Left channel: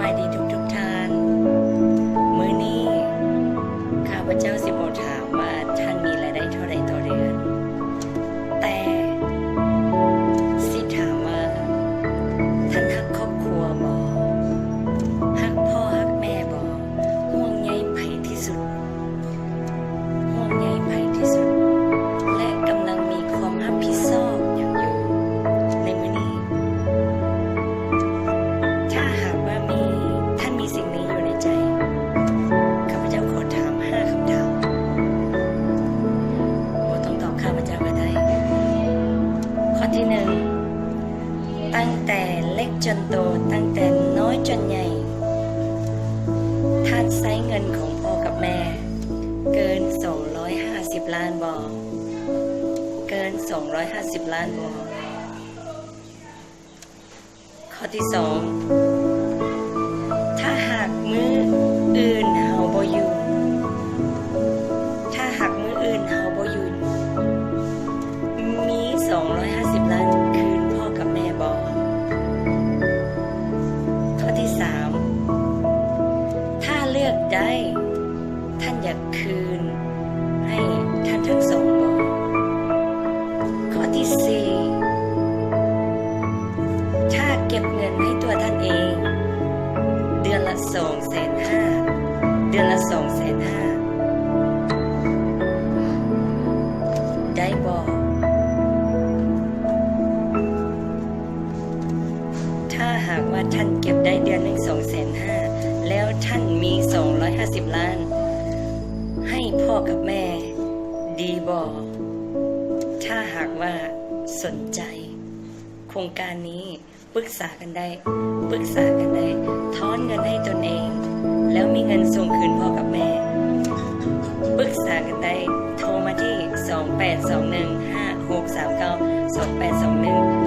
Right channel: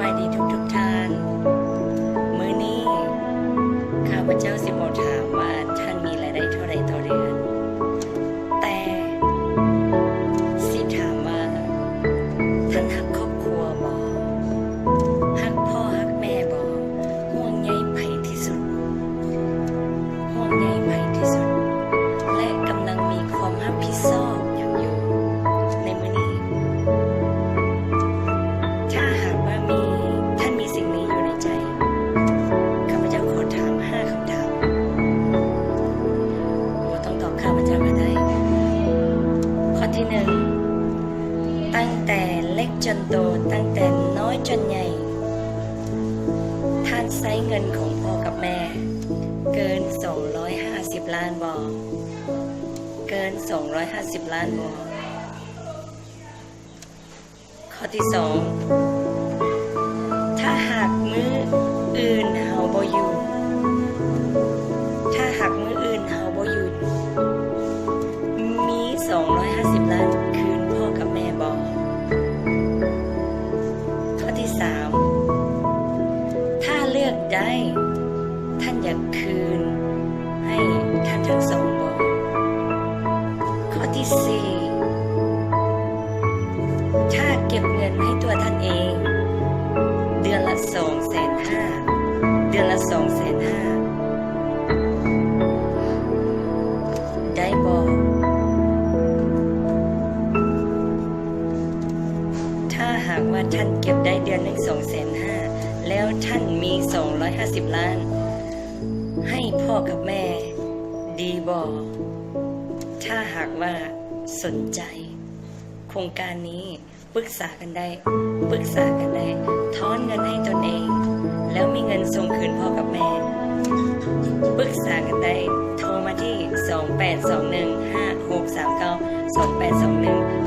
บายดีทุกท่านมื้อนี้ข้าพเจ้าสิบอกถามว่าท่านมีรายได้เท่าไรต่อเดือน แต่สิถามว่าท่านฮักครอบครัวบ่ฮักพ่อฮักแม่บ่ห่วงใยไผที่สุดห่วงใยไผที่สุดและกำลังมีความรับผิดชอบอย่างอยู่ในมื้อนี้ถ้าหากว่าท่านมีสิ่งนี้อยู่ในใจข้าพเจ้าขอถาม5คำถามบ่ต้องตอบข้าพเจ้าก็ได้ข้อที่1ตั้งแต่เล็กจนโตตั้งแต่น้อยจนใหญ่ท่านใช้เงินของพ่อกับแม่เกิน250ล้านบ่เกิน250ล้านบ่ข้อที่2ถ้าหากมื้ออื่นเฮาบ่อยู่ถ้าหากมื้ออื่นเฮาบ่อยู่มี250ล้านคืนพ่อกับแม่บ่ข้อที่3ถ้าเลือกได้ท่านอยากคืนให้ท่านทั้งสองบ่ข้อที่4ถ้าเก็บเงินให้ตัวท่านเองเดือนละ250,000เดือนละ250,000ได้บ่ถ้าหากว่าท่านเก็บได้เดือนหนึ่ง250,000แล้วท่านมี250ล้านให้พ่อกับแม่ดีบ่ถ้าหากว่าสนใจโครงการนี้ปรึกษากันได้ถอนเงินให้ตนเองแล้วมีเงินส่งคืนพ่อกับแม่ปรึกษากันได้โทรมาที่28215639 28215639